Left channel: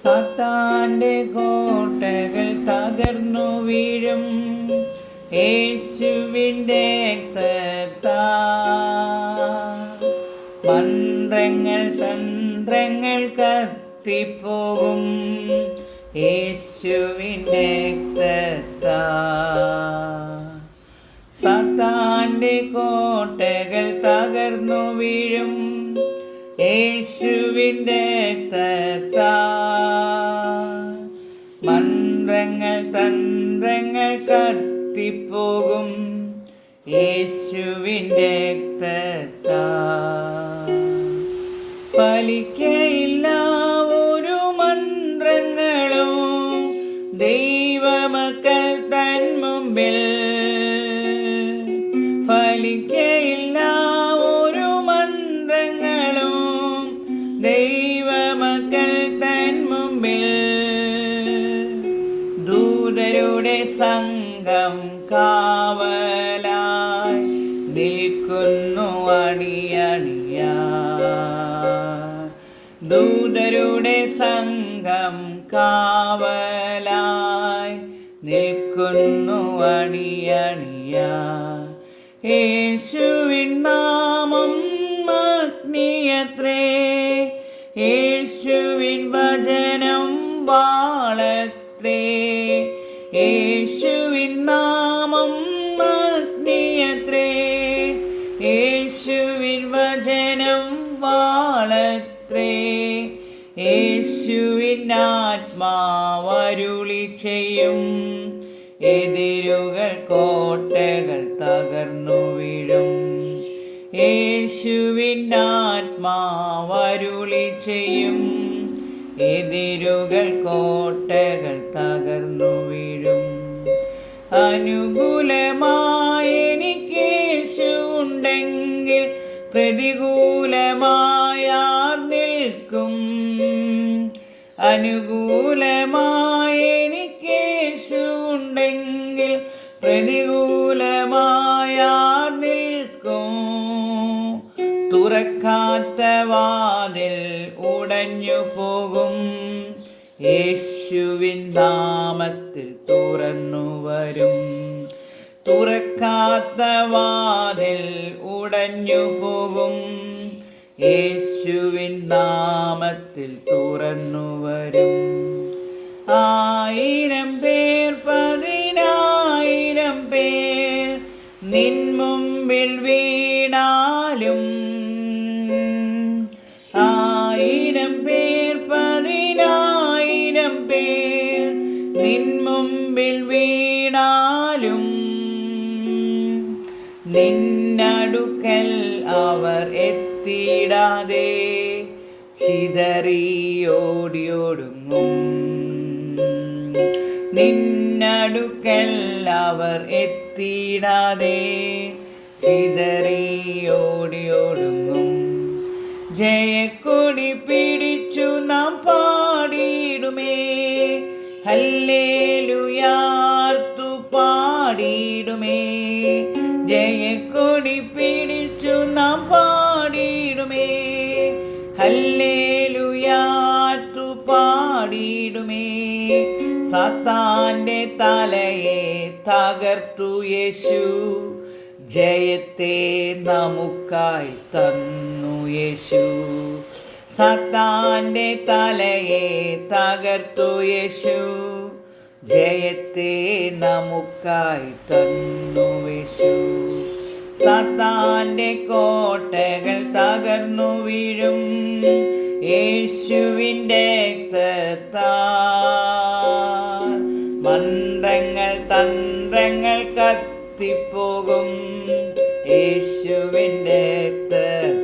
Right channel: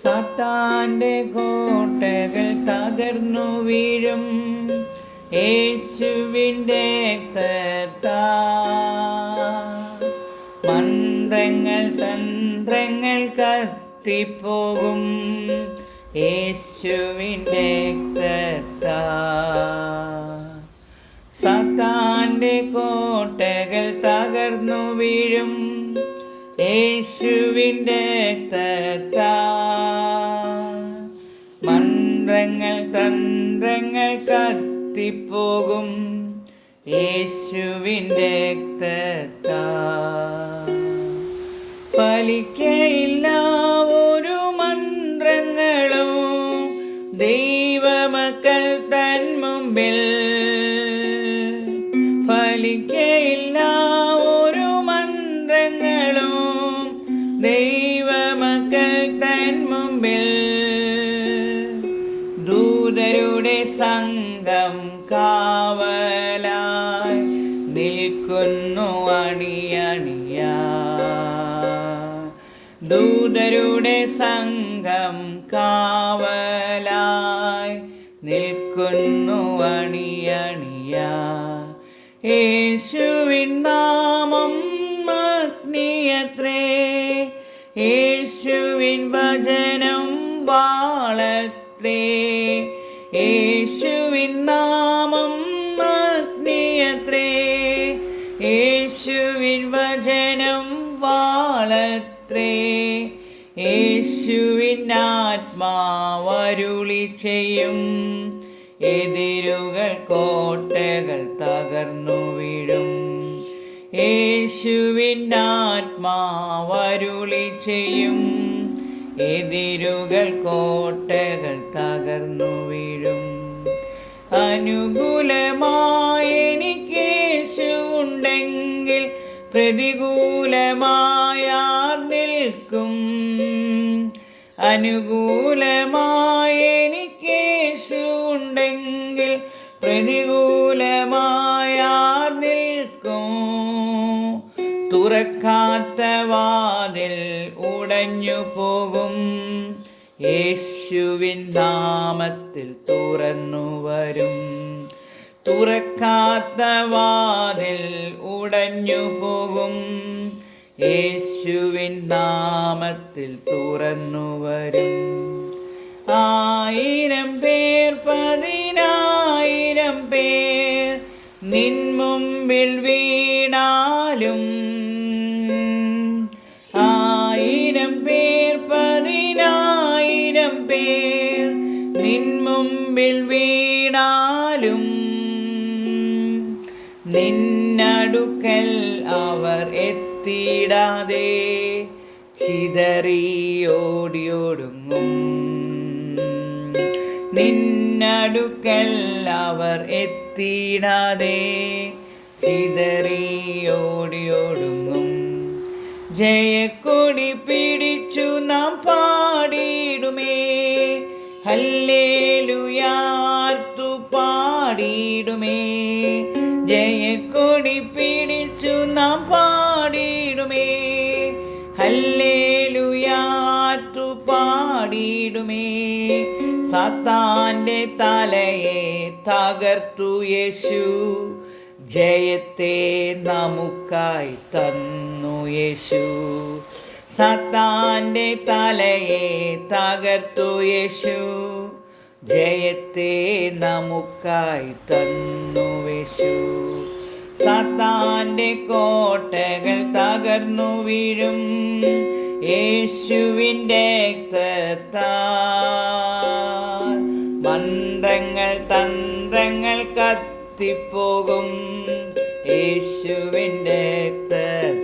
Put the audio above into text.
സാത്താന്റെ കോട്ടകൾ തകർന്നു വീഴും യേശുവിൻ്റെ രക്തത്താൽ. മന്ത്രങ്ങൾ തന്ത്രങ്ങൾ കത്തിപ്പോകും യേശുവിൻ്റെ രക്തത്താൽ. സാത്താന്റെ കോട്ടകൾ തകർന്നു വീഴും യേശുവിൻ്റെ രക്തത്താൽ. മന്ത്രങ്ങൾ തന്ത്രങ്ങൾ കത്തിപ്പോകും യേശുവിൻ്റെ രക്തത്താൽ. ഫലിക്കയില്ല ഒരു മന്ത്രങ്ങളും ദൈവമക്കൾ തൻ മുമ്പിൽ. ഫലിക്കയില്ല ഒരു മന്ത്രങ്ങളും ദൈവമക്കൾ തൻ മുമ്പിൽ. ദൂതരുടെ സംഘം കാവലായി നിൽക്കുന്നു അണിയണിയായി. ദൂതരുടെ സംഘം കാവലായി നിൽക്കുന്നു അണിയണിയായി. യേശുവിൻ നാമം അഗ്നിയത്രേ, യേശുവിൻ വചനം വാളത്രേ. യേശുവിൻ നാമം അഗ്നിയത്രേ, യേശുവിൻ വചനം വാളത്രേ. യേശുവിൻ ആത്മാവരുളി ചെയ്യും എതിരുകൾ കോട്ടകൾ തകർന്നു വീഴും. യേശുവിൻ ആത്മാവരുളി ചെയ്യും എതിരുകൾ കോട്ടകൾ തകർന്നു വീഴും. അനുകൂലമായി എനിക്ക് യേശു ഉണ്ടെങ്കിൽ പ്രതികൂലമായ നിൽക്കും. അനുകൂലമായി എനിക്ക് യേശു ഉണ്ടെങ്കിൽ പ്രതികൂലമായ നിൽക്കും. തുറക്കാത്ത വാതിൽ ഉടഞ്ഞു പോകും യേശുവിൻ നാമത്തിൽ തുറന്നു വരും. തുറക്കാത്ത വാതിൽ ഉടഞ്ഞു പോകും യേശുവിൻ നാമത്തിൽ തുറന്നു വരും. 1000 പേർ 10,000 പേർ നിൻ മുമ്പിൽ വീണാലും. 1000 പേർ 10,000 പേർ നിൻ മുമ്പിൽ വീണാലും നിന്നടുക്കൽ അവർ എത്തിയിടാതെ ചിതറിയോടിയൊടുങ്ങും. നിന്നടുക്കൽ അവർ എത്തിയിടാതെ ചിതറിയോടിയൊടുങ്ങും. ജയക്കൊടി പിടിച്ചു നാം പാടിയിടുമേ, ഹല്ലേലൂയാർത്തു പാടിയിടുമേ. ജയക്കൊടി പിടിച്ചു നാം പാടിയിടുമേ, ഹല്ലേലൂയാർത്തു പാടിയിടുമേ. സാത്താന്റെ തലയെ തകർത്തു യേശു, ജയത്തെ നമുക്കായി തന്നു യേശു. സാത്താന്റെ തലയെ തകർത്തു യേശു, ജയത്തെ നമുക്കായി തന്നു യേശു. സാത്താന്റെ കോട്ടകൾ തകർന്നു വീഴും യേശുവിൻ്റെ രക്തത്താൽ. മന്ത്രങ്ങൾ തന്ത്രങ്ങൾ കത്തിപ്പോകും യേശുവിൻ്റെ രക്തത്താൽ.